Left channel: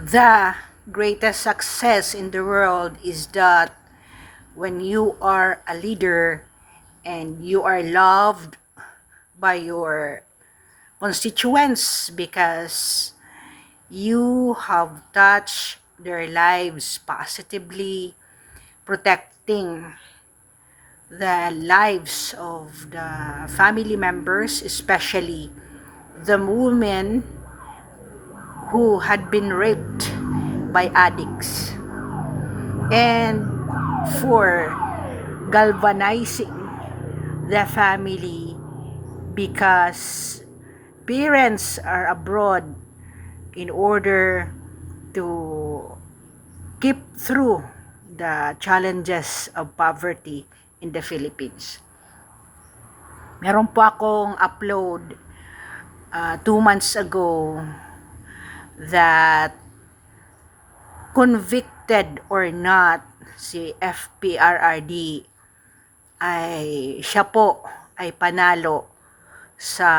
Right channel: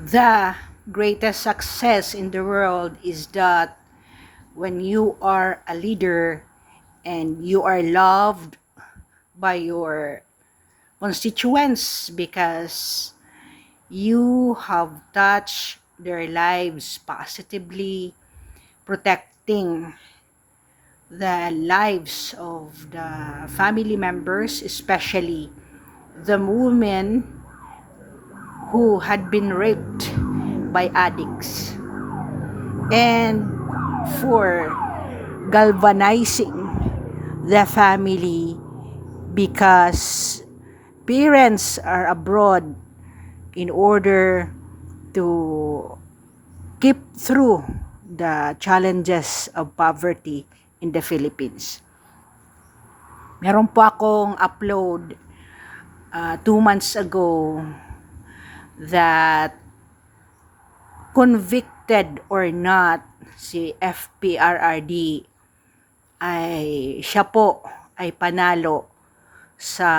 The greatest success in the world is that when you are a leader and you are loved by your constituents because you have touched their lives positively, protecting the lives of the family members, especially the women who had been raped by addicts, and for galvanizing the family because parents are abroad in order to keep through the challenges of poverty in the Philippines. Meron po akong upload 2 months ago that convicted or not si FPRRD ay siya po ay panalo sa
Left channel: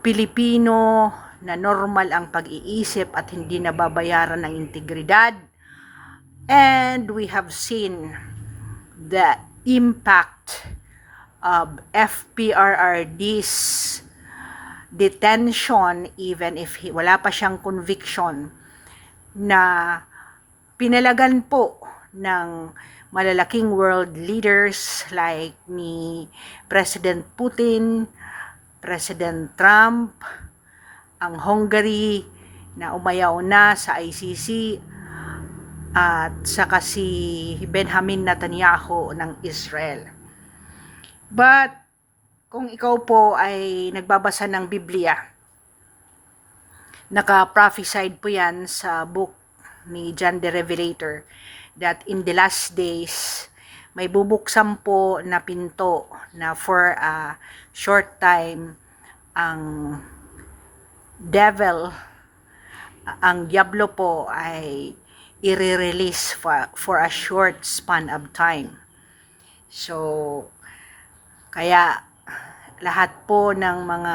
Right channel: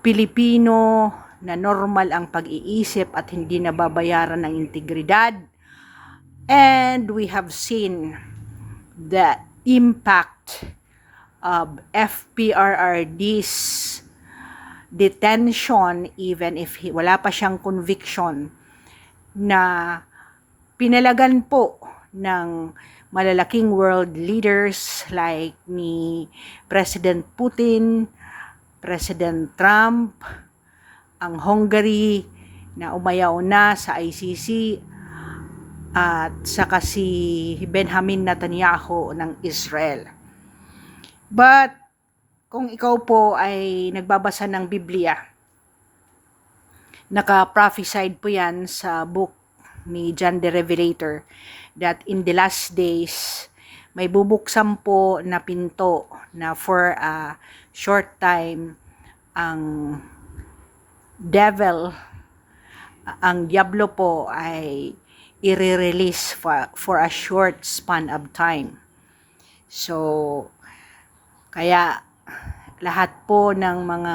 Pilipino na normal ang pag-iisip at hindi nababayaran ng integridad. And we have seen the impact of FPRRD's detention even if wala pa siyang conviction, na pinalagan po ng malalaking world leaders like ni President Putin, President Trump, ang Hungary na umayaw na sa ICC, at saka si Benjamin Netanyahu ng Israel. But kung ikaw po ay nagbabasa ng Biblia, naka-prophesied po yan sa book ni John the Revelator that in the last days may bubuksan po na pinto na for a short time ang devil, ang diablo po ay i-release for a short span of time. So kaya lahat po ng mga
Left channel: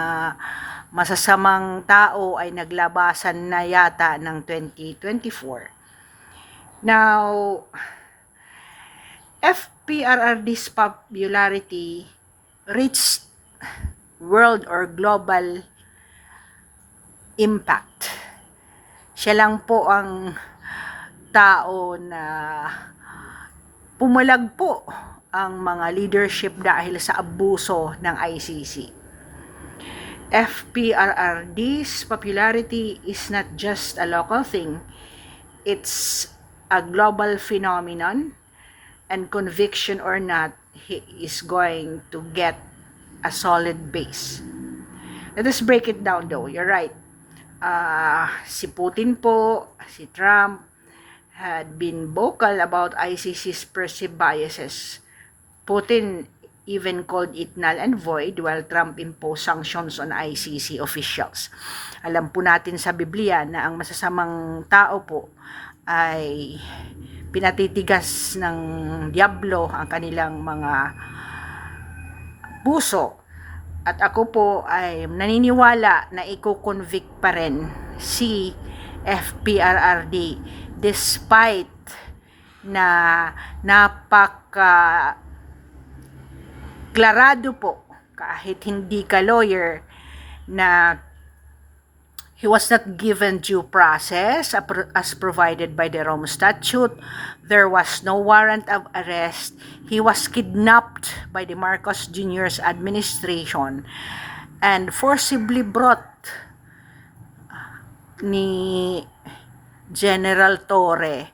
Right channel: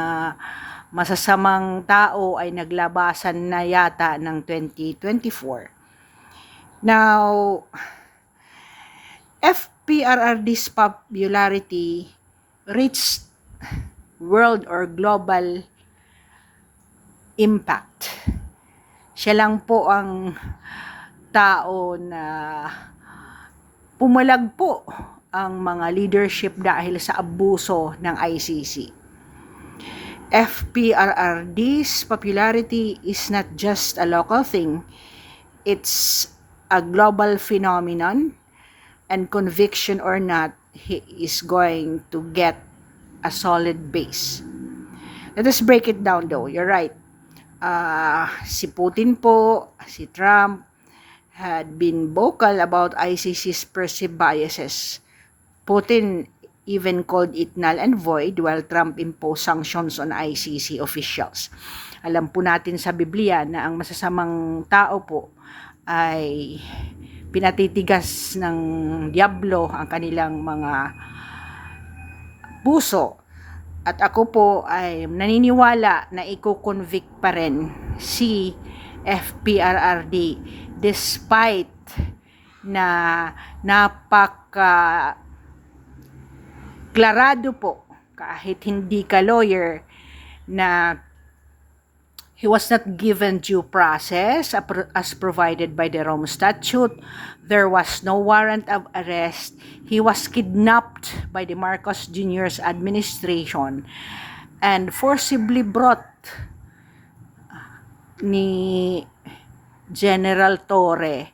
masasamang tao ay naglabasan na yata ng 2024. Now, FPRRD's popularity reached world or global impact. Siya lang po ang tao na pumalag po ang mga leadership dahil sa abuso ng ICC. FPRRD's popularity is not just a local thing, it's a global phenomenon, and conviction or not, he is going to get a solid base. Let us break it down though. You're right. Si Putin po, si Trump had been vocal about ICC's perceived biases. Putin even called it null and void while Trump imposed sanctions on ICC officials. Alam po natin sa Biblia na ang masasamang tao po ay pinatitigas ng diablo ang kanilang mga puso. At ako po ay naniniwala na i-convict pa rin si FPRRD despite na napaka-klarado po kahit hindi ka lawyer na he was not given due process as provided by the Rome Statute. There was no warrant of arrest. He was kidnapped by the Marcos Jr.'s administration and forcibly brought ni General Torre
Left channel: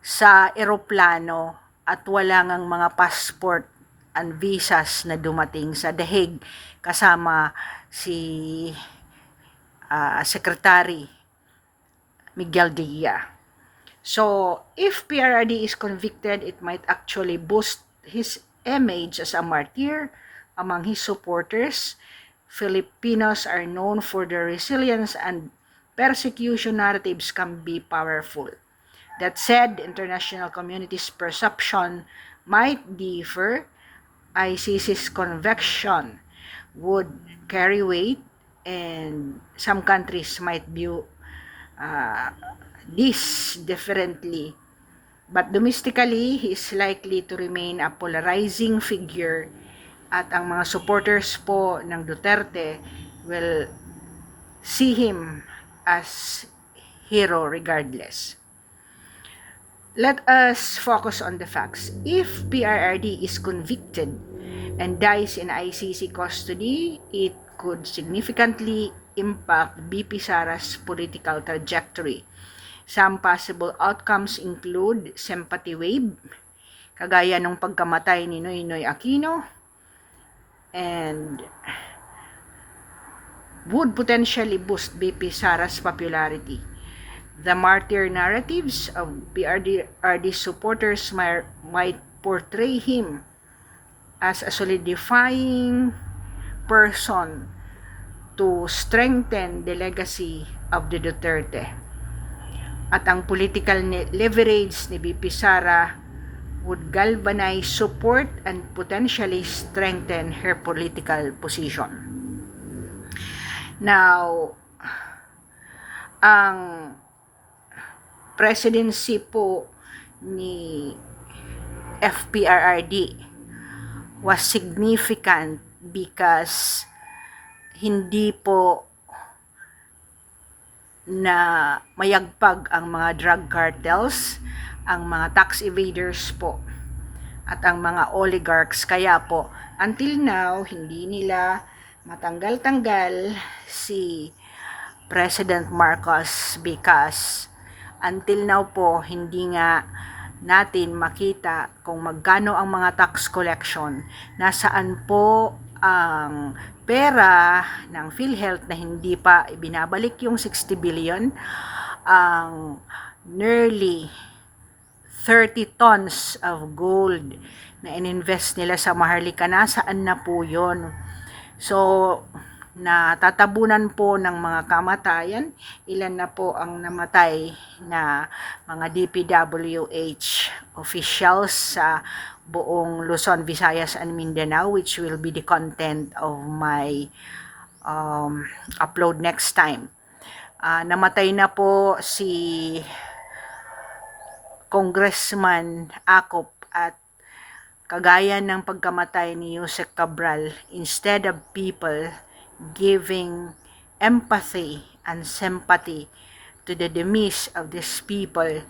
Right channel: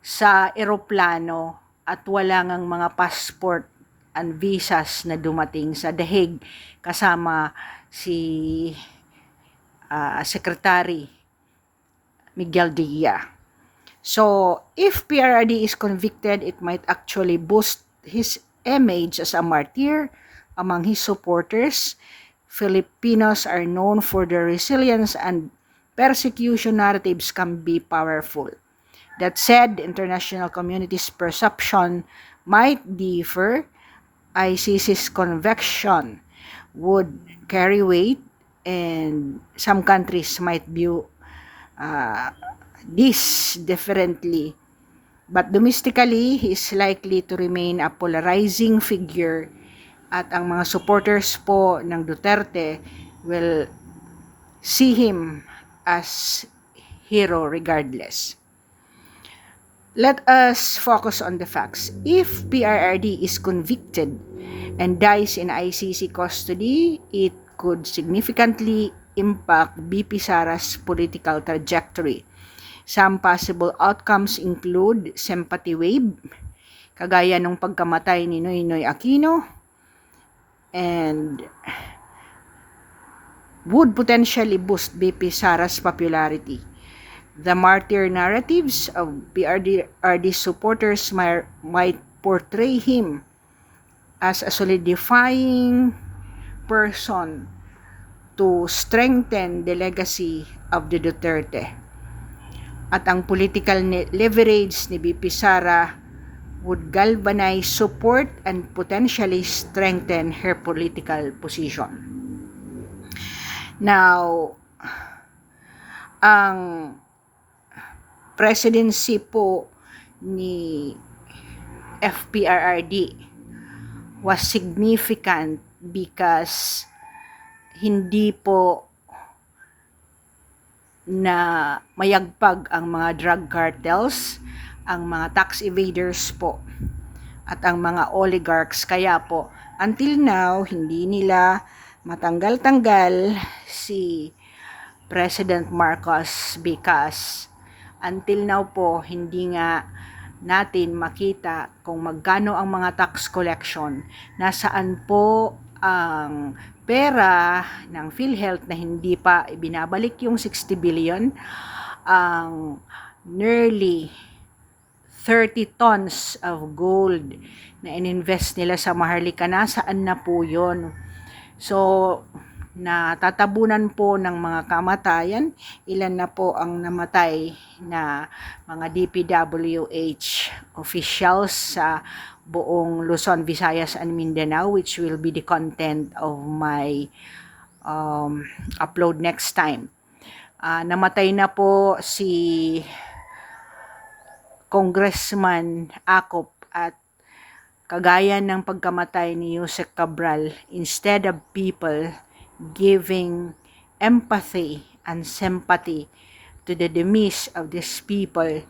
sa eroplano at wala ngang mga passport and visas na dumating sa The Hague kasama si Secretary Miguel Diaz. So, if PRRD is convicted, it might actually boost his image as a martyr among his supporters. Filipinos are known for their resilience, and persecution narratives can be powerful. That said, the international community's perception might differ. ICC's conviction would carry weight, and some countries might view this differently. But domestically, he is likely to remain a polarizing figure at ang mga supporters po ng Duterte will see him as hero regardless. Let us focus on the facts. If PRRD is convicted and dies in ICC custody, it could significantly impact BP Sara's political trajectory. Some possible outcomes include sympathy wave, kagaya nung pagkamatay ni Noynoy Aquino, and would potentially boost BP Sara's popularity. The martyr narratives of PRRD supporters might portray him as a solidifying person to strengthen the legacy of the Duterte. At ang political leverage ni BP Sara would galvanize support and potentially strengthen her political position. Now, ang presidency po ni FPRRD was significant because hindi po na mayagpag ang mga drug cartels, ang mga tax evaders po, at ang mga oligarchs. Kaya po, until now, hindi nila matanggal-tanggal si President Marcos because until now po, hindi nga natin makita kung magkano ang mga tax collection, nasaan po ang pera ng PhilHealth na hindi pa ibinabalik yung 60 billion, ang nearly 30 tons of gold na ininvest nila sa Maharlika, nasaan na po yun? So, natatabunan po ng mga kamatayan. Ilan na po ang namatay na mga DPWH officials sa buong Luzon, Visayas, and Mindanao, which will be the content of my upload next time. Namatay na po si Congressman Acop, at kagaya ng pagkamatay ni Yusek Cabral, instead of people giving empathy and sympathy to the demise of these people,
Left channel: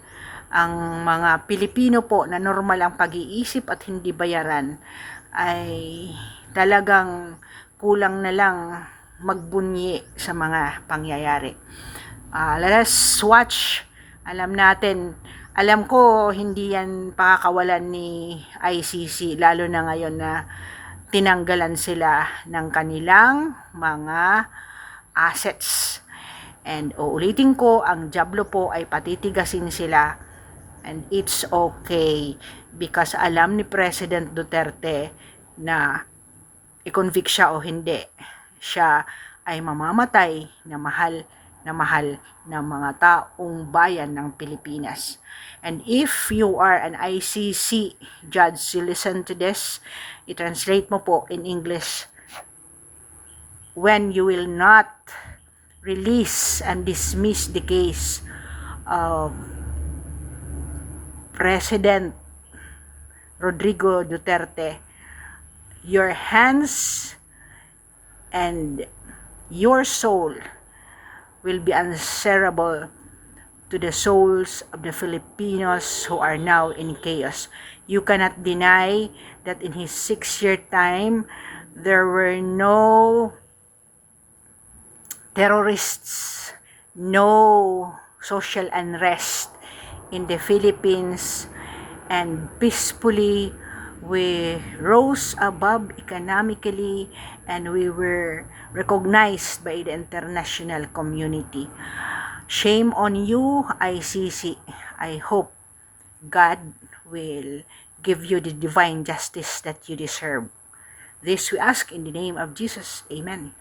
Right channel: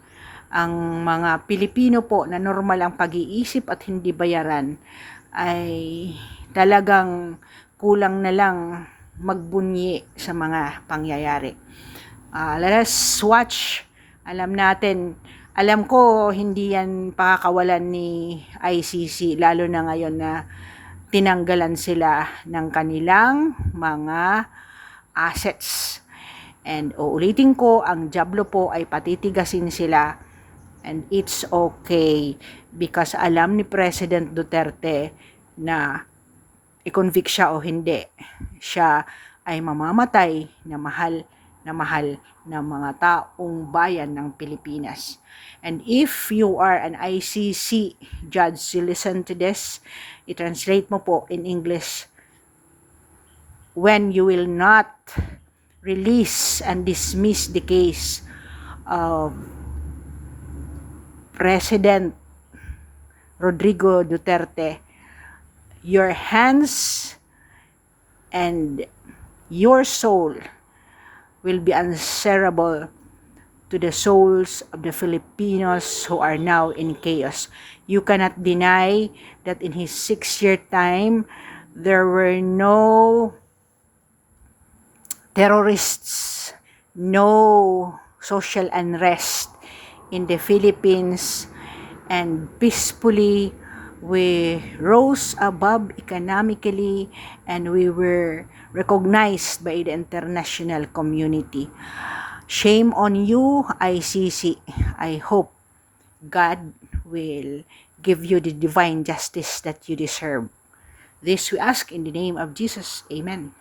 ang mga Pilipino po na normal ang pag-iisip at hindi bayaran ay talagang kulang na lang magbunyi sa mga pangyayari. Let us watch. Alam ko hindi yan pakakawalan ni ICC, lalo na ngayon na tinanggalan sila ng kanilang mga assets. And uulitin ko, ang Diablo po ay patitigasin sila. And it's okay because alam ni President Duterte na i-convict siya o hindi, siya ay mamamatay na mahal ng mga taong bayan ng Pilipinas. And if you are an ICC judge, you listen to this, i-translate mo po in English, when you will not release and dismiss the case of President Rodrigo Duterte, your hands and your soul will be answerable to the souls of the Filipinos who are now in chaos. You cannot deny that in his 6-year time, there were no terrorists, no social unrest in the Philippines, and peacefully we rose above economically and we were recognized by the international community. Shame on you, ICC. I hope God will give you the divine justice that you deserve. This we ask in the name of Jesus. Amen.